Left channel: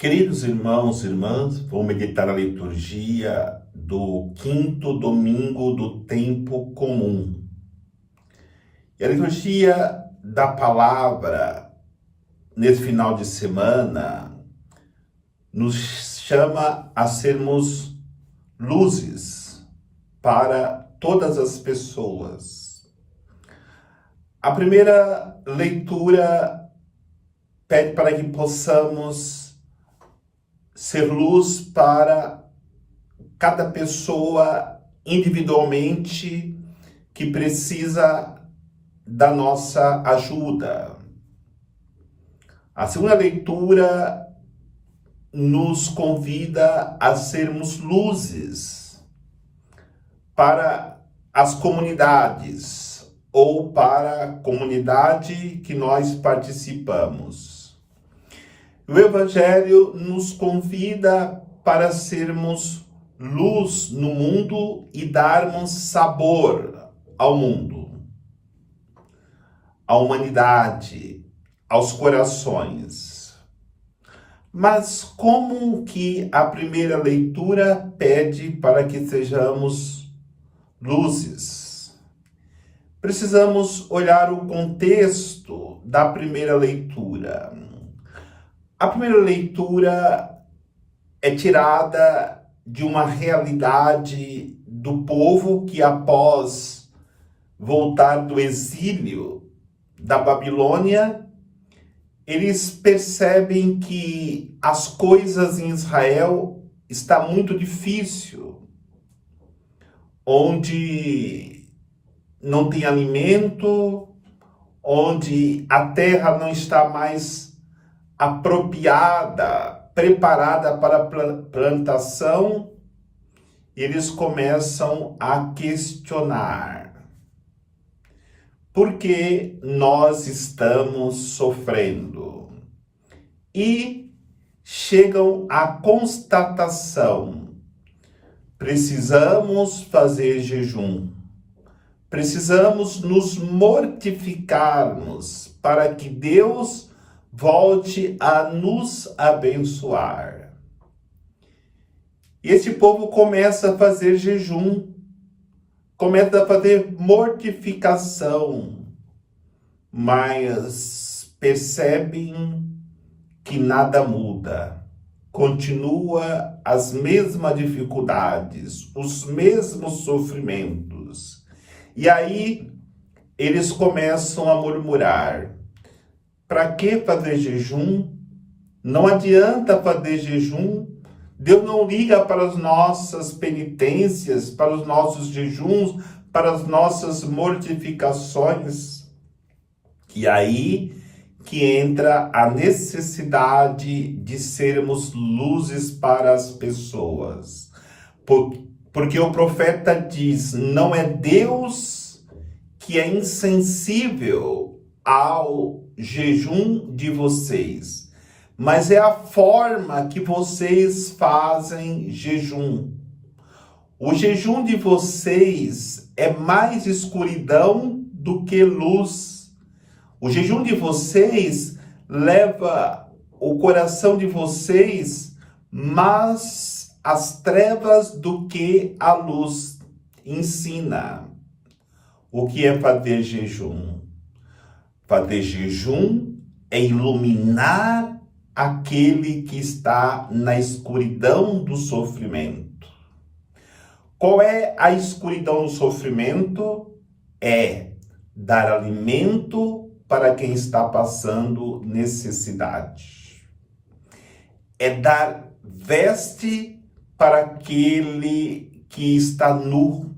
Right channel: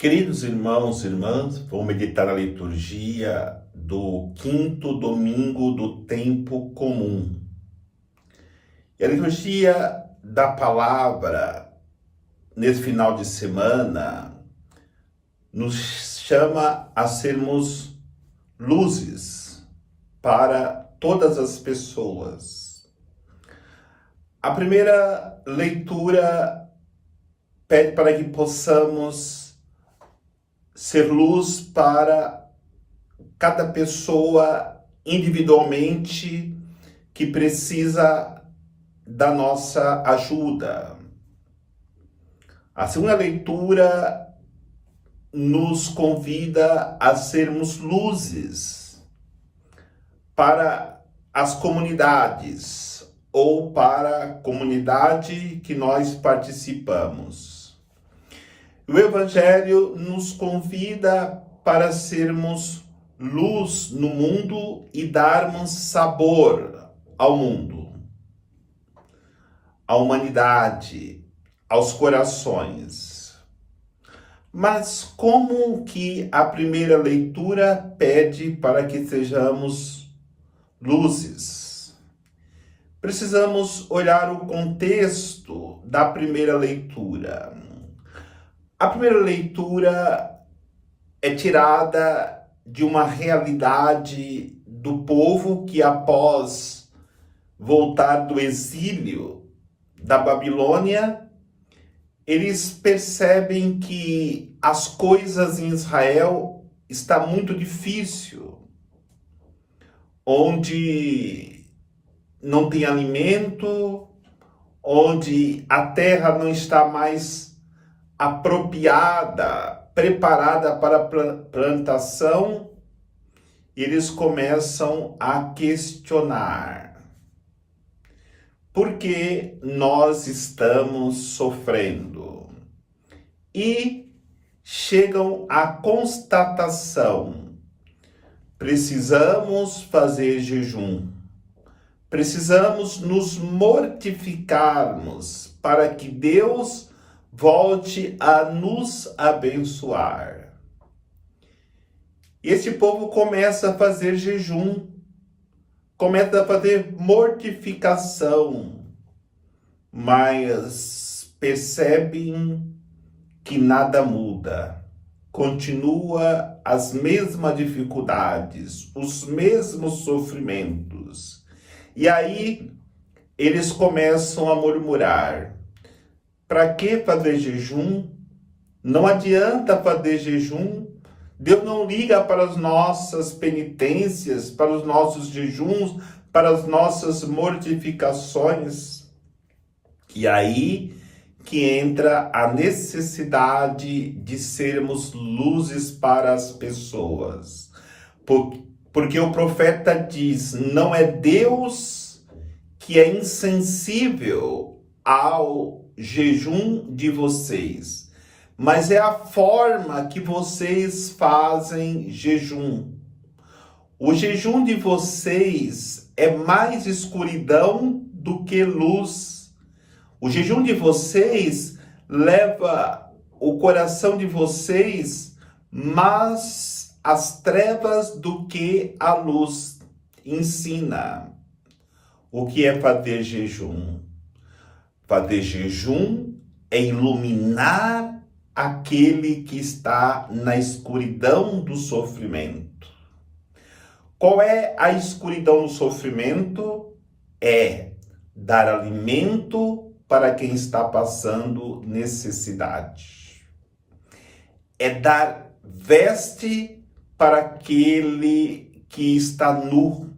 Queridos irmãos e irmãs, vou meditar a liturgia do quinto domingo do tempo comum. E a liturgia da palavra, nesse final de semana, nos chama a sermos luzes para todas as pessoas. A primeira leitura pede para que possamos ser luz para cada pessoa individualmente que precisa da nossa ajuda. A segunda leitura nos convida a sermos luzes para as comunidades ou para a comunidade que nós participamos. O Evangelho nos convida para sermos luz no mundo e darmos sabor ao mundo, à humanidade, aos corações. Mas como que a primeira leitura pede para que sejamos luzes? Precisamos olhar o contexto da primeira leitura. A primeira leitura é tirada de uma realidade do povo que, após voltar do exílio da Babilônia, eles percebem que as coisas em Israel estão muito difíceis, onde não tem alimento, onde a terra não está mais apropriada, preparada para a plantação, eles começam a questionar: por que nós estamos sofrendo? E chegam à constatação: precisamos fazer jejum, precisamos nos mortificarmos para que Deus volte a nos abençoar. Este povo começa a fazer jejum, começa a fazer mortificação, mas percebem que nada muda. Continua as mesmas dificuldades, os mesmos sofrimentos. E aí eles começam a murmurar: para que fazer jejum? Não adianta fazer jejum. Deus não liga para as nossas penitências, para os nossos jejuns, para as nossas mortificações. E aí que entra a necessidade de sermos luzes para as pessoas. Porque o profeta diz: não é Deus que é insensível ao jejum de vocês, mas é a forma que vocês fazem jejum. O jejum de vocês é mais escuridão do que luz. O jejum de vocês leva o coração de vocês mais às trevas do que a luz ensina. O que é fazer jejum? Fazer jejum é iluminar aquele que está na escuridão do sofrimento. Qual é a escuridão do sofrimento? É dar alimento para quem está passando necessidade. É dar veste para aquele que está nu.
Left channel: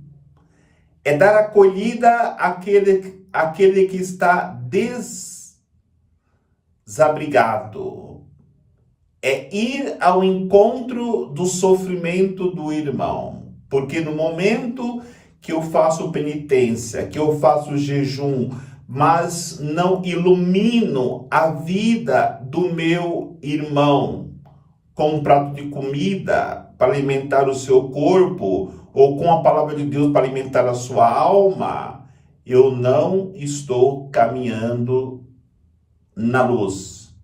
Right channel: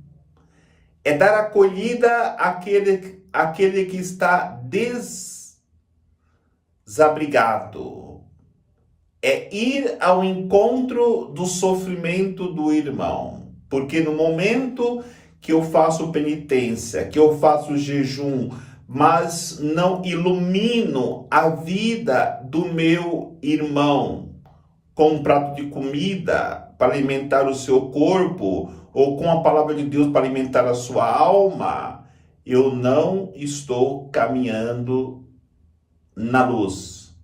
É dar acolhida àquele que está desabrigado. É ir ao encontro do sofrimento do irmão. Porque no momento que eu faço penitência, que eu faço jejum, mas não ilumino a vida do meu irmão com um prato de comida para alimentar o seu corpo, ou com a palavra de Deus para alimentar a sua alma, eu não estou caminhando na luz.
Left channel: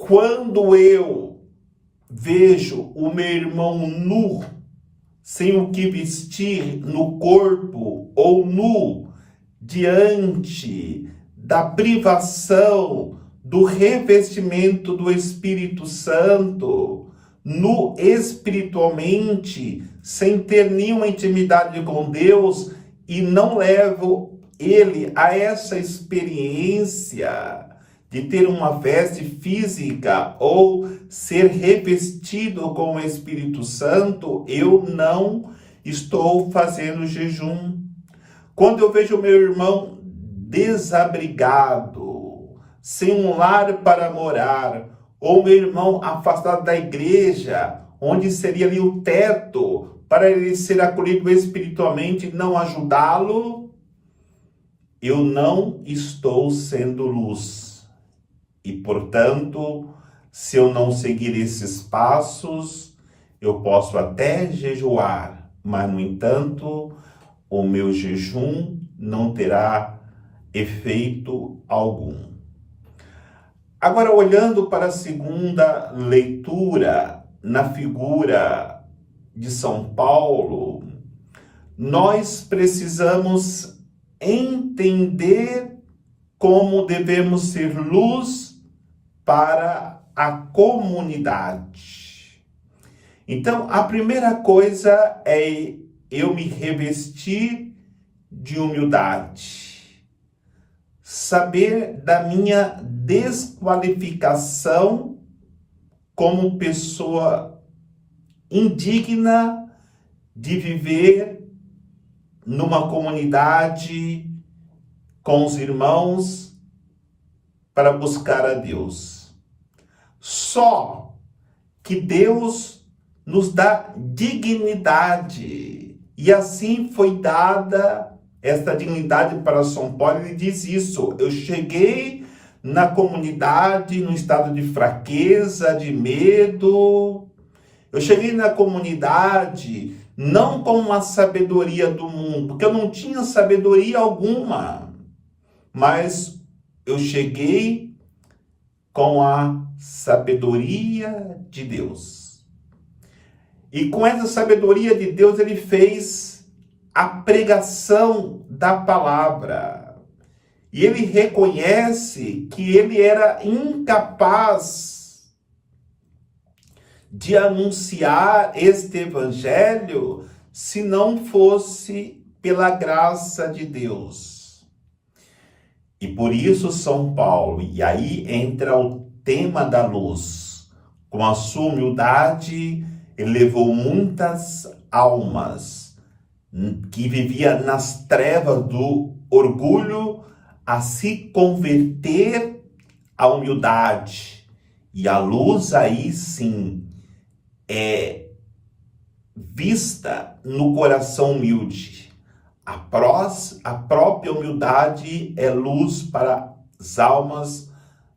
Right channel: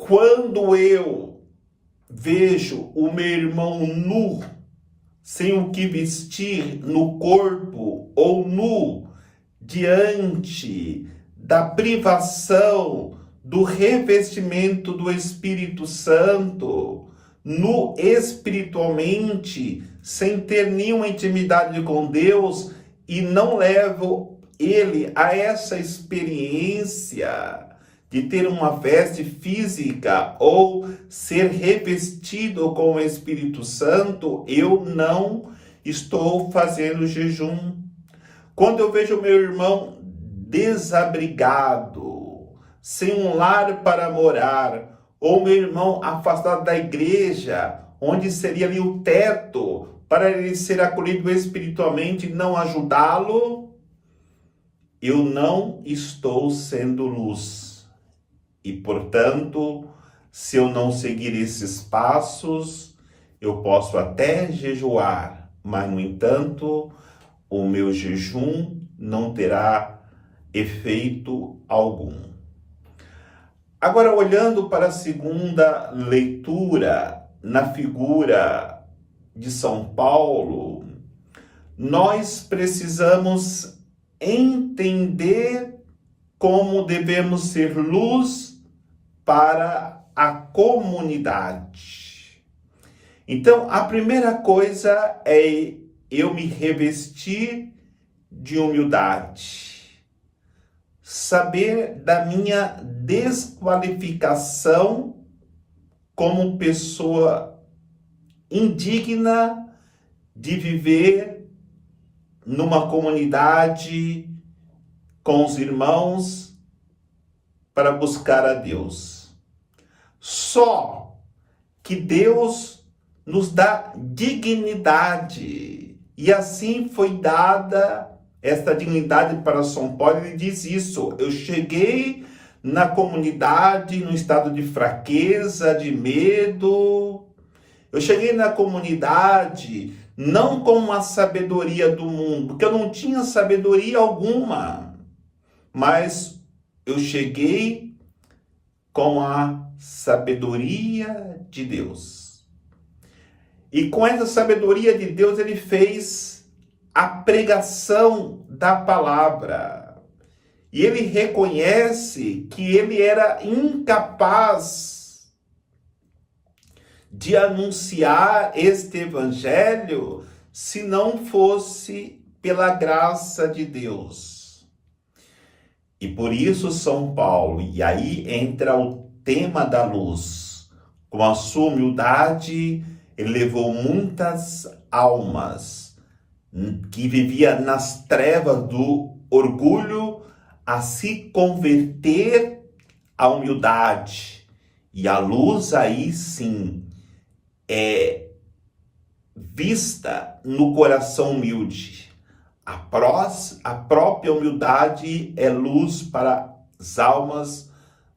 Quando eu vejo o meu irmão nu, sem o que vestir no corpo, ou nu, diante da privação do revestimento do Espírito Santo, nu espiritualmente, sem ter nenhuma intimidade com Deus, e não levo ele a essa experiência de ter uma veste física ou ser revestido com o Espírito Santo, eu não estou fazendo jejum. Quando eu vejo meu irmão desabrigado, sem um lar para morar, ou meu irmão afastado da igreja, onde seria ali o teto para ele ser acolhido espiritualmente, não ajudá-lo, eu não estou sendo luz. E, portanto, se eu não seguir esses passos, eu posso até jejuar, mas, no entanto, o meu jejum não terá efeito algum. Agora, olhando para a segunda leitura, na figura de São Paulo, nós precisamos entender como devemos ser luz para a comunidade. Então, a primeira coisa é eu me revestir de humildade, saber da minha desqualificação como pessoa indigna de viver numa comunidade com os irmãos para buscar a Deus. Só que Deus nos dá dignidade, e assim foi dada esta dignidade para São Paulo. Ele diz isso: eu cheguei na comunidade no estado de fraqueza, de medo. Eu cheguei na comunidade não com a sabedoria do mundo, porque eu não tinha sabedoria alguma, mas eu cheguei com a sabedoria de Deus. E com essa sabedoria de Deus, ele fez a pregação da palavra. E ele reconhece que ele era incapaz de anunciar este evangelho se não fosse pela graça de Deus. E por isso São Paulo, e aí entra o tema da luz, com a sua humildade, ele levou muitas almas que viviam nas trevas do orgulho a se converter à humildade. E a luz aí sim é vista no coração humilde. A própria humildade é luz para as almas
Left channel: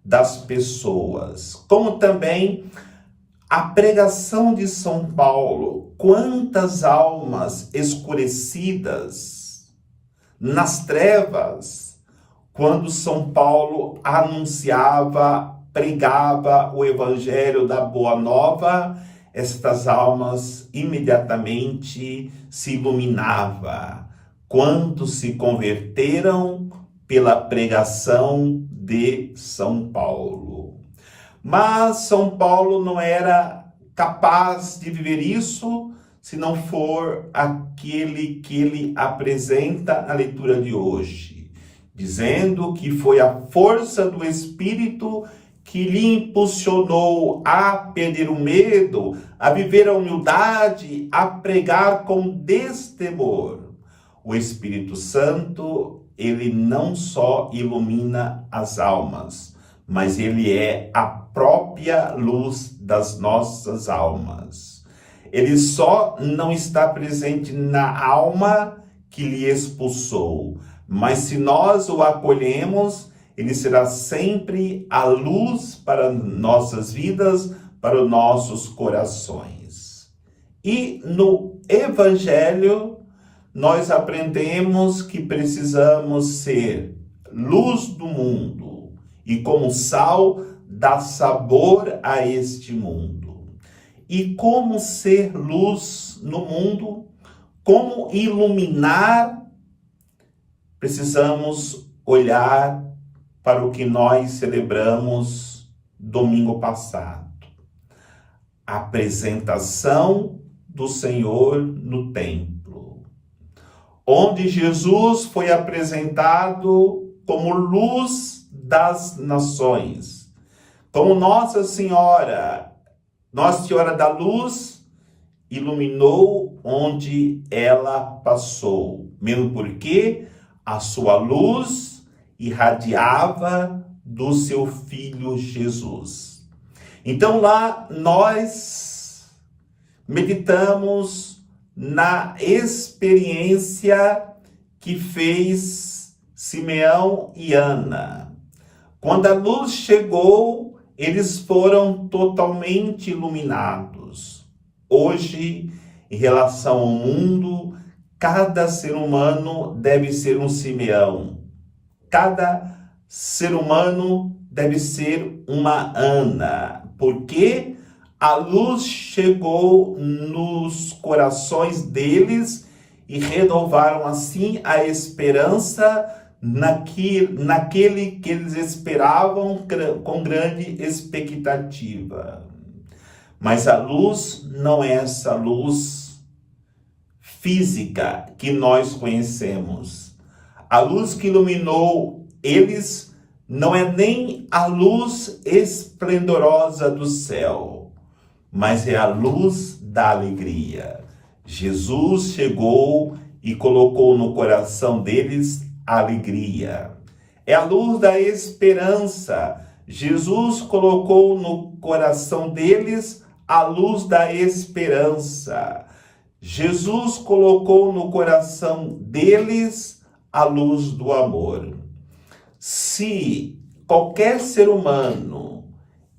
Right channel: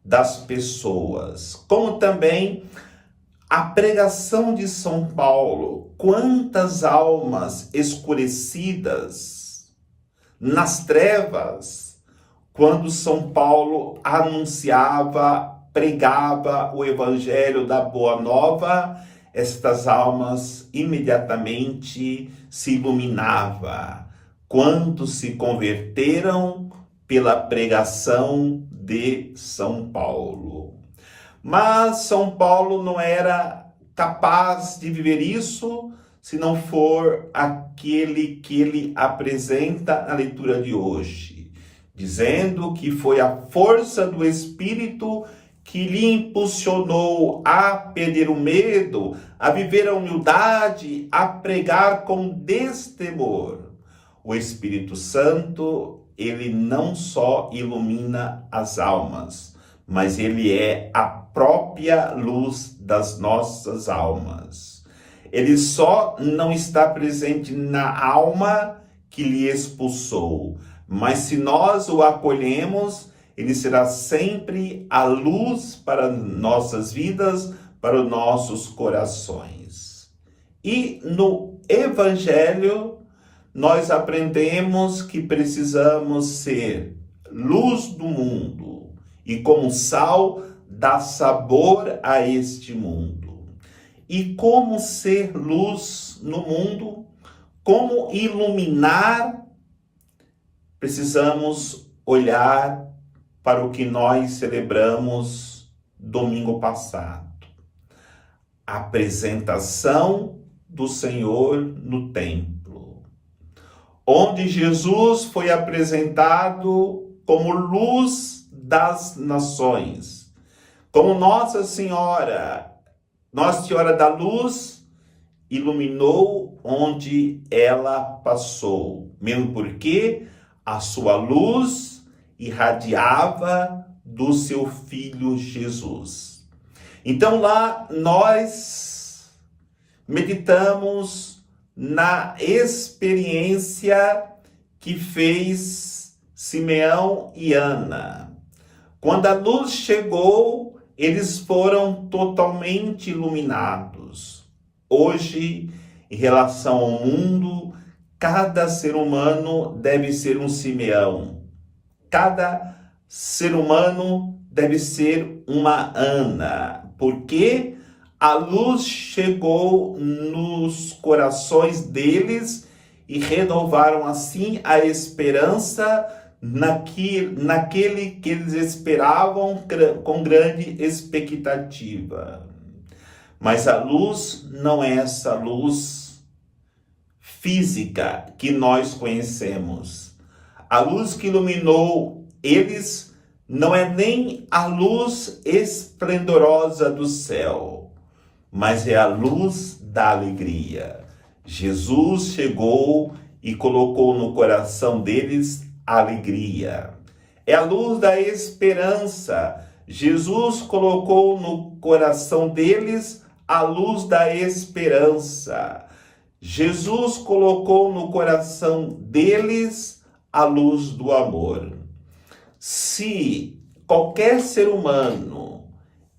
das pessoas. Como também a pregação de São Paulo. Quantas almas escurecidas nas trevas, quando São Paulo anunciava, pregava o evangelho da Boa Nova, estas almas imediatamente se iluminavam. Quantos se converteram pela pregação de São Paulo. Mas São Paulo não era capaz de viver isso se não for aquele que ele apresenta na leitura de hoje, dizendo que foi a força do Espírito que lhe impulsionou a perder o medo, a viver a humildade, a pregar com destemor. O Espírito Santo, ele não só ilumina as almas, mas ele é a própria luz das nossas almas. Ele só não está presente na alma que lhe expulsou, mas se nós o acolhemos, ele será sempre a luz para nossas vidas, para os nossos corações. E no Evangelho, nós aprendemos que precisamos ser luz do mundo e como sal dá sabor a este mundo. E como ser luz no mundo, como iluminar, precisamos olhar para o que nós celebramos domingo passado. A apresentação do Senhor no templo, onde Jesus foi apresentado como luz das nações, como Nossa Senhora da Luz, iluminou onde ela passou, mesmo porque a sua luz irradiava do seu Filho Jesus. Então lá nós meditamos na experiência que fez Simeão e Ana. Quando a luz chegou, eles foram totalmente iluminados. Hoje, em relação ao mundo, cada ser humano deve ser um Simeão. Cada ser humano deve ser uma Ana, porque a luz chegou nos corações deles e renovaram assim a esperança naquele que eles esperavam com grande expectativa. Mas a luz não é essa luz física que nós conhecemos. A luz que iluminou eles não é nem a luz esplendorosa do céu, mas é a luz da alegria. Jesus chegou e colocou no coração deles alegria. É a luz da esperança. Jesus colocou no coração deles a luz da esperança. Jesus colocou no coração deles a luz do amor. Se qualquer ser humano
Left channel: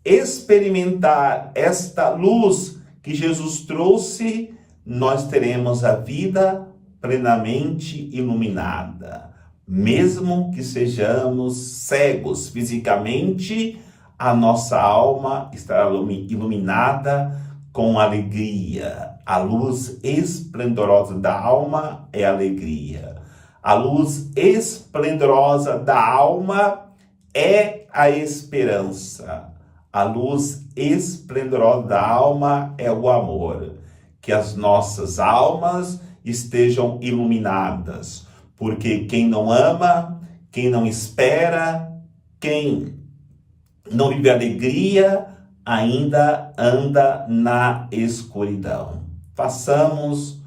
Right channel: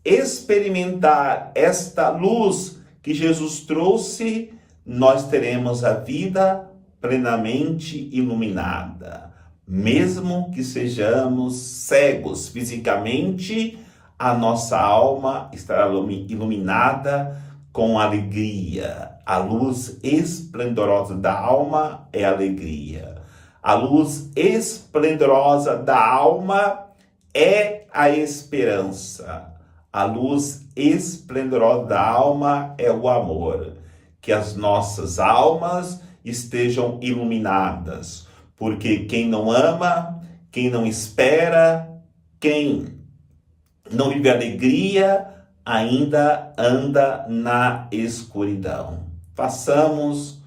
experimentar esta luz que Jesus trouxe, nós teremos a vida plenamente iluminada. Mesmo que sejamos cegos fisicamente, a nossa alma estará iluminada com alegria. A luz esplendorosa da alma é alegria. A luz esplendorosa da alma é a esperança. A luz esplendorosa da alma é o amor. Que as nossas almas estejam iluminadas, porque quem não ama, quem não espera, quem não vive alegria, ainda anda na escuridão. Façamos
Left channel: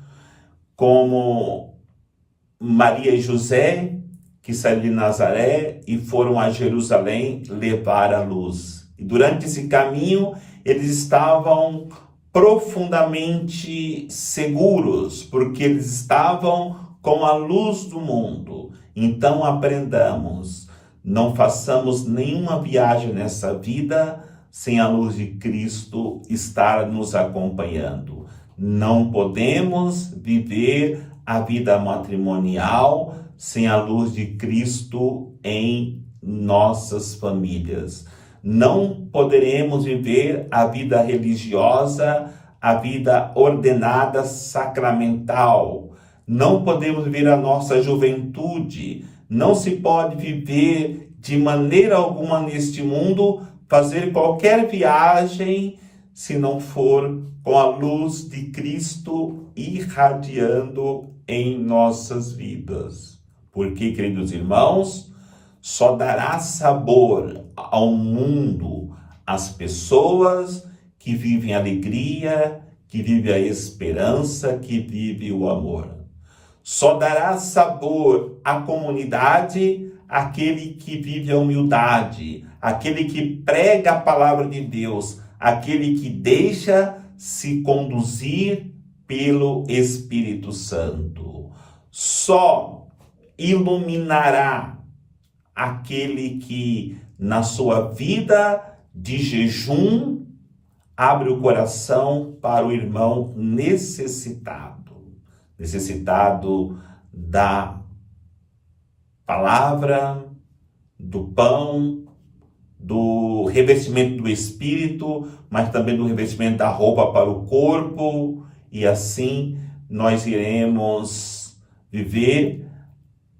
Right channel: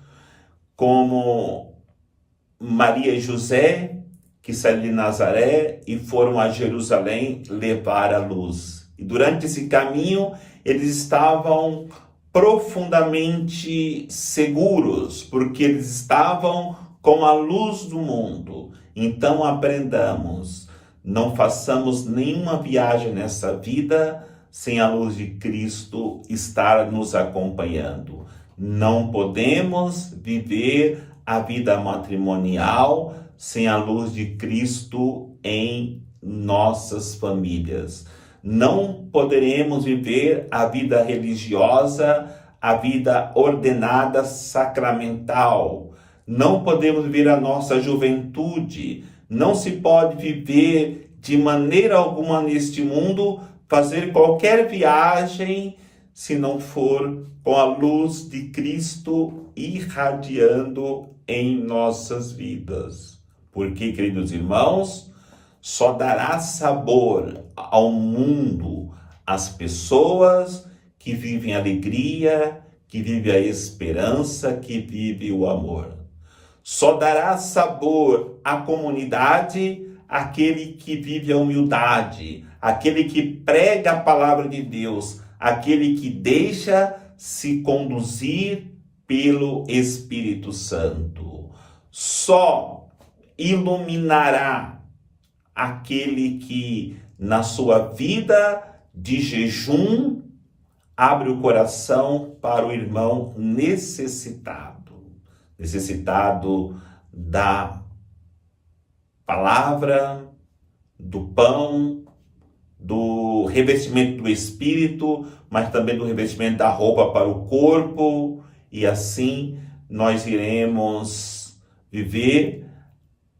como Maria e José, que saíram de Nazaré e foram a Jerusalém levar a luz. E durante esse caminho, eles estavam profundamente seguros, porque eles estavam com a luz do mundo. Então aprendamos, não façamos nenhuma viagem nessa vida sem a luz de Cristo estar nos acompanhando. Não podemos viver a vida matrimonial sem a luz de Cristo em nossas famílias. Não poderemos viver a vida religiosa, a vida ordenada sacramental. Não podemos viver a nossa juventude. Não se pode viver de maneira alguma neste mundo, fazer qualquer viagem, se não for com a luz de Cristo irradiando em nossas vidas. Porque, queridos irmãos, só dará sabor ao mundo as pessoas que vivem a alegria, que vivem a esperança, que vivem o amor. Só dará sabor à comunidade aquele que vive a humildade, aquele que prega a palavra de Deus, aquele que deixa se conduzir pelo Espírito Santo. Só iluminará aquele que, na sua vida de jejum, abre o coração para o irmão necessitado da palavra, do pão, do do revestimento do Espírito, mas também do revestimento da roupa para o corpo, e assim nós iremos viver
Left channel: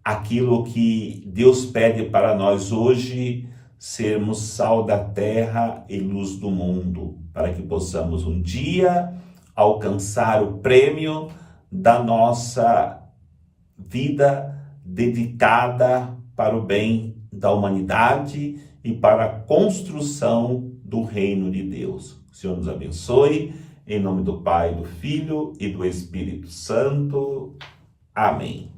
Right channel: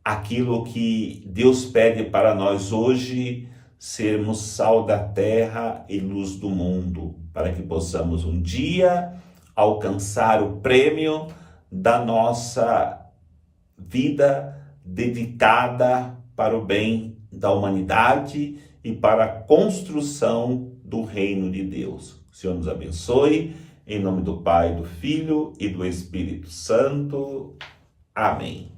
aquilo que Deus pede para nós hoje, sermos sal da terra e luz do mundo, para que possamos um dia alcançar o prêmio da nossa vida dedicada para o bem da humanidade e para a construção do reino de Deus. O Senhor nos abençoe, em nome do Pai, do Filho e do Espírito Santo. Amém.